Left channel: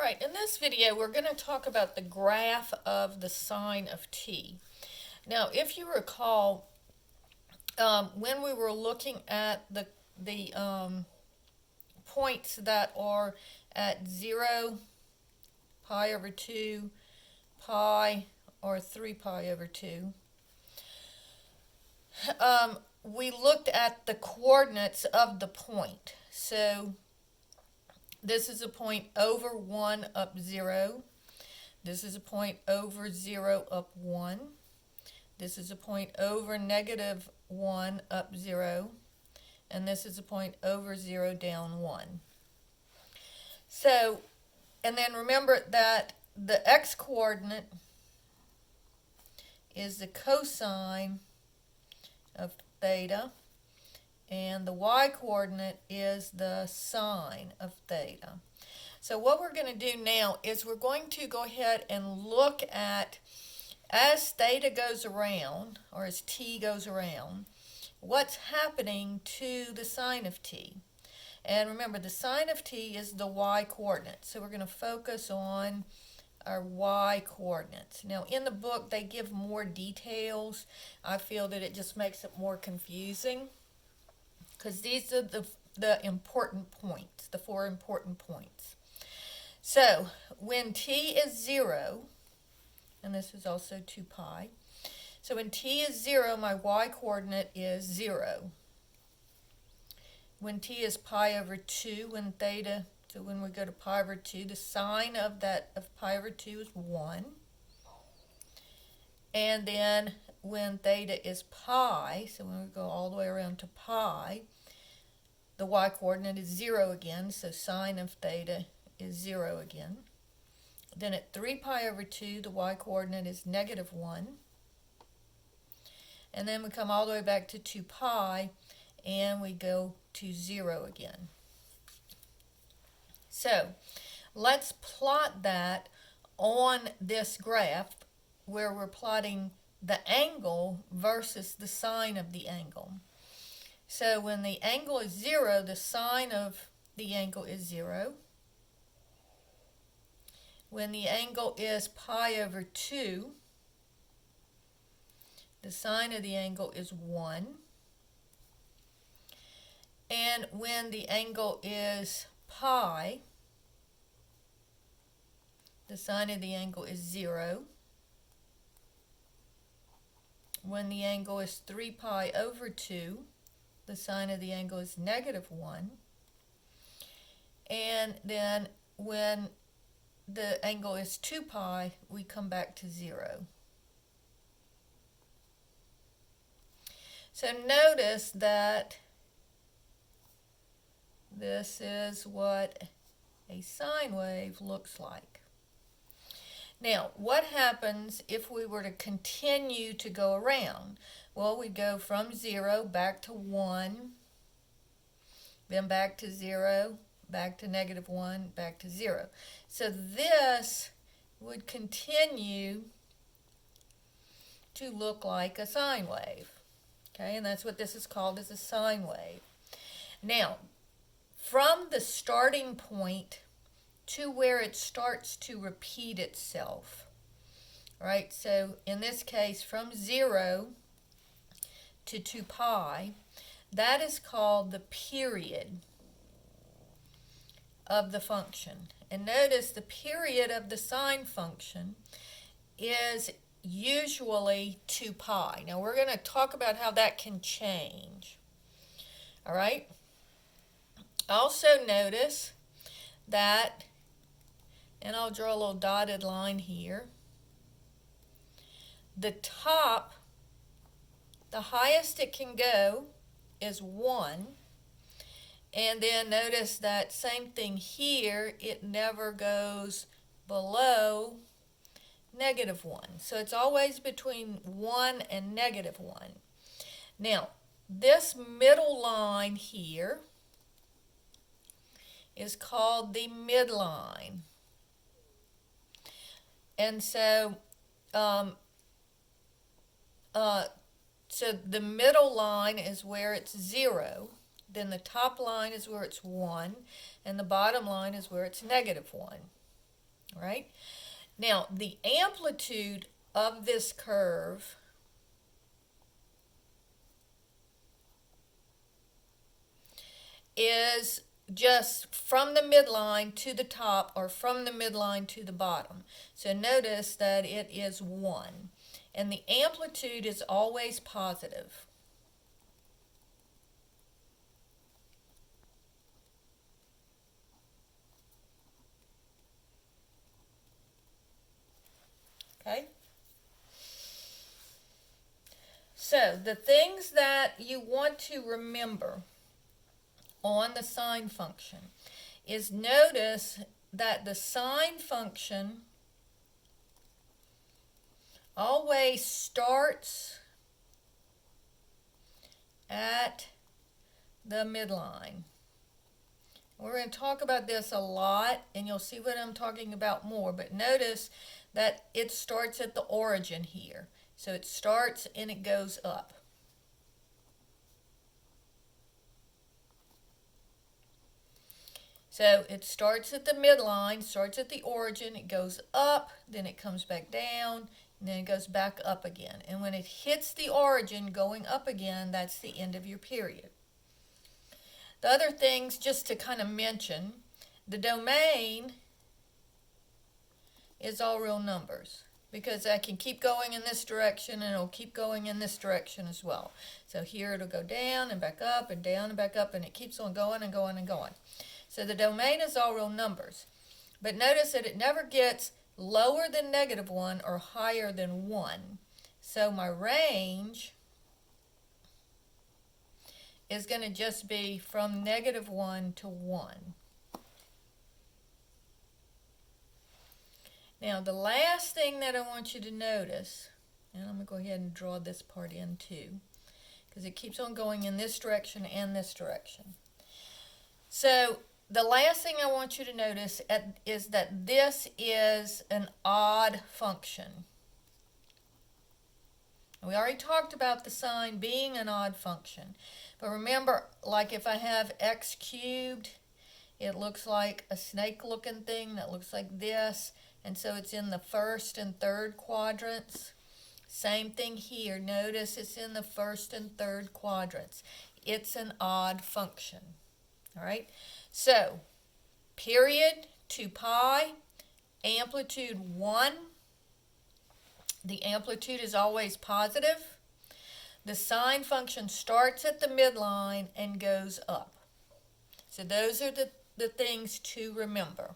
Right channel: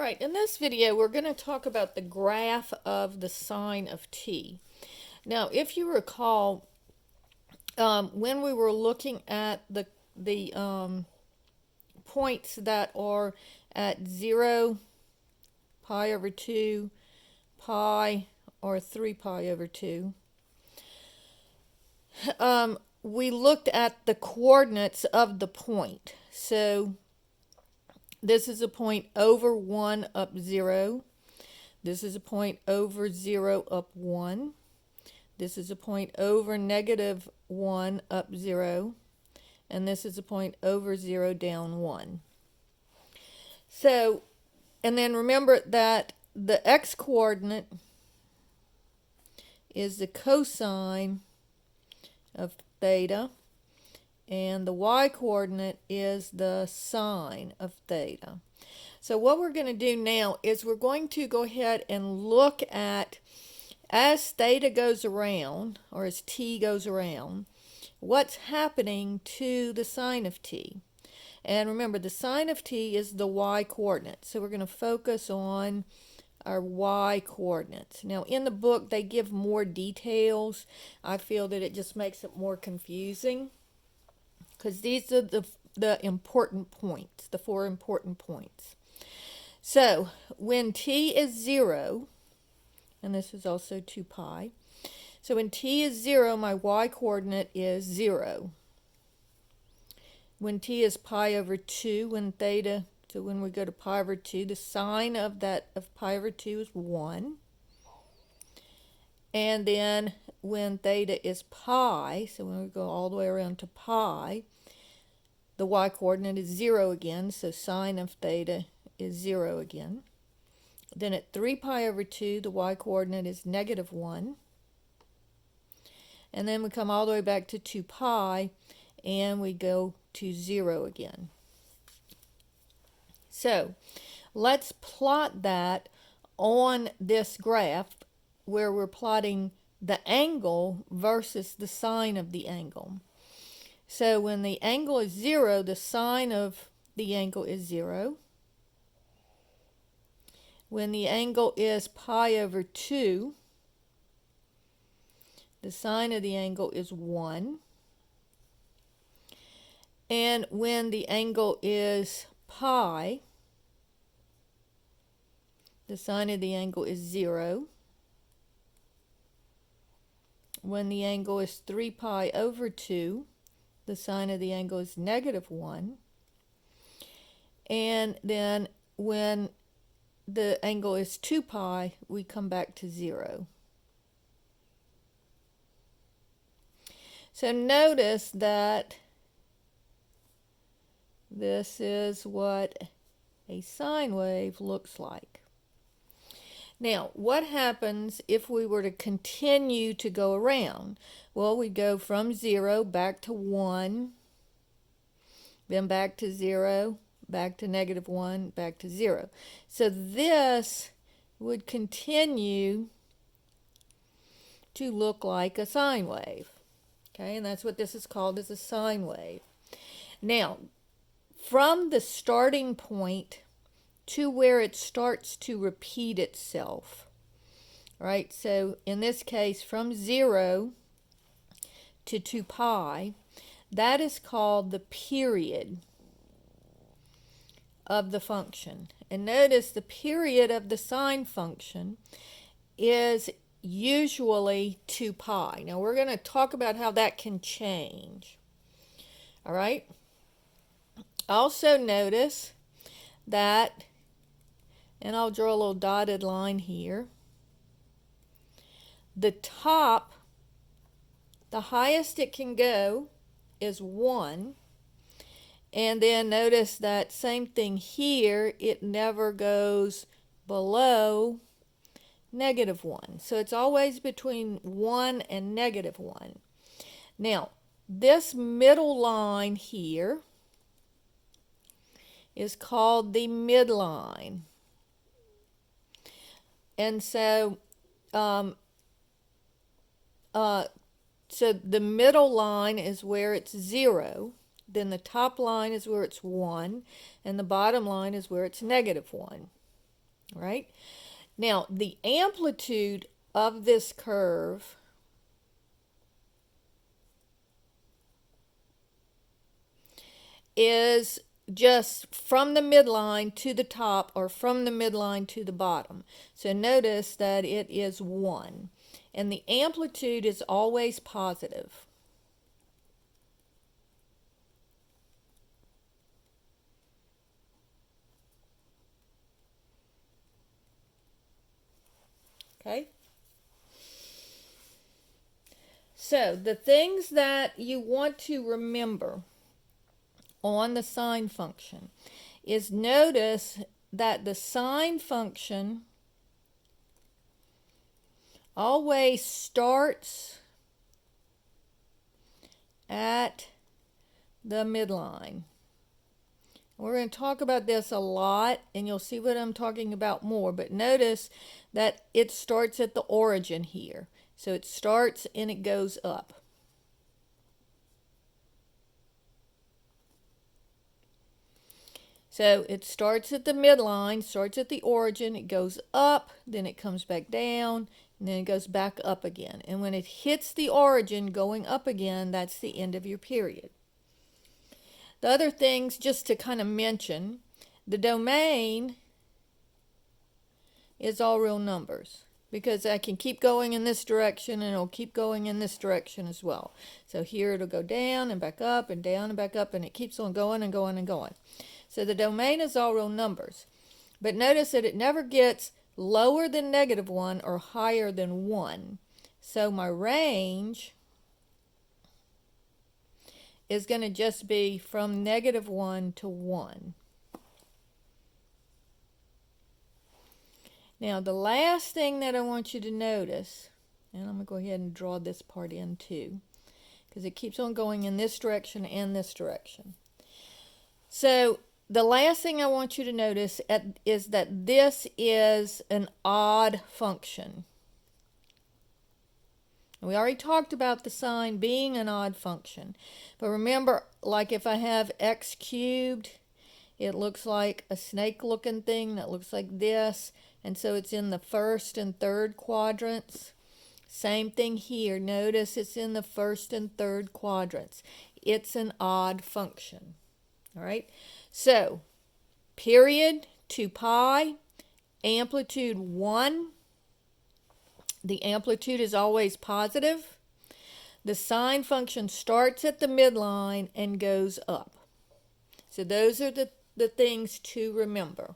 Alright, in this video we're going to talk about the graph of the sine of t. Now, if you recall, when we were looking at the points that are at 0, pi over 2, pi, or 3 pi over 2, we looked at the coordinates of the point. So this is a point over 1 up 0. This is a point over 0 up 1. This is a point over negative 1 up 0. And this is a point over 0 down 1. So, and then remember that the x-coordinate is the cosine of theta, and the y-coordinate is the sine of theta. So what we're going to do now is we're going to go ahead and look at, as theta goes around, or as t goes around, what's happening to the sine of t. And remember, the sine of t is the y-coordinate. So we're going to focus on our y-coordinates. Now, in the book, they give more details. I feel that it just makes it more confusing, because these are the important points, the 4 important points. So when t is 0, and this is also 2 pi, so when t is 0, my y-coordinate is 0. When t is pi over 2, when theta, so when we go to pi over 2, the sine of pi over 2 is 1. And then when theta is pi, so when we go all the way around to pi, the y-coordinate is 0 again, so sine of theta is 0 again. Then at 3 pi over 2, the y-coordinate is negative 1. And then we come all the way back to 2 pi, and we go to 0 again. So let's plot that on this graph where we're plotting the angle versus the sine of the angle. So when the angle is 0, the sine of the angle is 0. When the angle is pi over 2, the sine of the angle is 1. And when the angle is pi, the sine of the angle is 0. When the angle is 3 pi over 2, the sine of the angle is negative 1. And then when the angle is 2 pi, we come back to 0. So notice that this is what a sine wave looks like. Now, what happens if we were to continue to go around? Well, we go from 0 back to 1, then back to 0, back to negative 1, back to 0. So this would continue to look like a sine wave. Okay, and that's what this is called, is a sine wave. Now, from the starting point to where it starts to repeat itself, right? So in this case, from 0 to 2 pi, that is called the period of the function. And notice the period of the sine function is usually 2 pi. Now we're going to talk about how that can change. All right? Also notice that, and I'll draw a little dotted line here, the top, the highest it can go is 1. And then notice that same thing here, it never goes below negative 1. So it's always between 1 and negative 1. Now, this middle line here is called the midline. And so, so the middle line is where it's 0. Then the top line is where it's 1, and the bottom line is where it's negative 1. All right? Now, the amplitude of this curve is just from the midline to the top or from the midline to the bottom. So notice that it is 1. And the amplitude is always positive. Okay? So the things that you want to remember on the sine function is notice that the sine function always starts at the midline. We're going to talk about this a lot, and you'll see what I'm talking about more, but notice that it starts at the origin here. So it starts and it goes up. So it starts at the midline, starts at the origin, it goes up, then it comes back down, and then it goes back up again. And when it hits the origin going up again, that's the end of your period. The other things, just to kind of mention, the domain is all real numbers, because I can keep going in this direction and it'll keep going in this direction as well. So here it'll go down and back up and down and back up, and it keeps on going and going and going. So the domain is all real numbers. But notice that it never gets lower than -1 or higher than 1. So my range is going to just be from -1 to 1. Now the last thing that I want you to notice, and I'm going to go ahead and draw this part in too, because it keeps on going in this direction and this direction. So the last thing I want you to notice is that this is an odd function. We already talked about the sine being an odd function. But remember, like if I have x cubed, it looks like a snake-looking thing that looks like this. And so it's in the first and third quadrants. Same thing here. Notice it's in the first and third quadrants. It's an odd function. All right? So, period 2 pi, amplitude 1. The amplitude is always positive. The sine function starts at the midline and goes up. So those are the things to remember.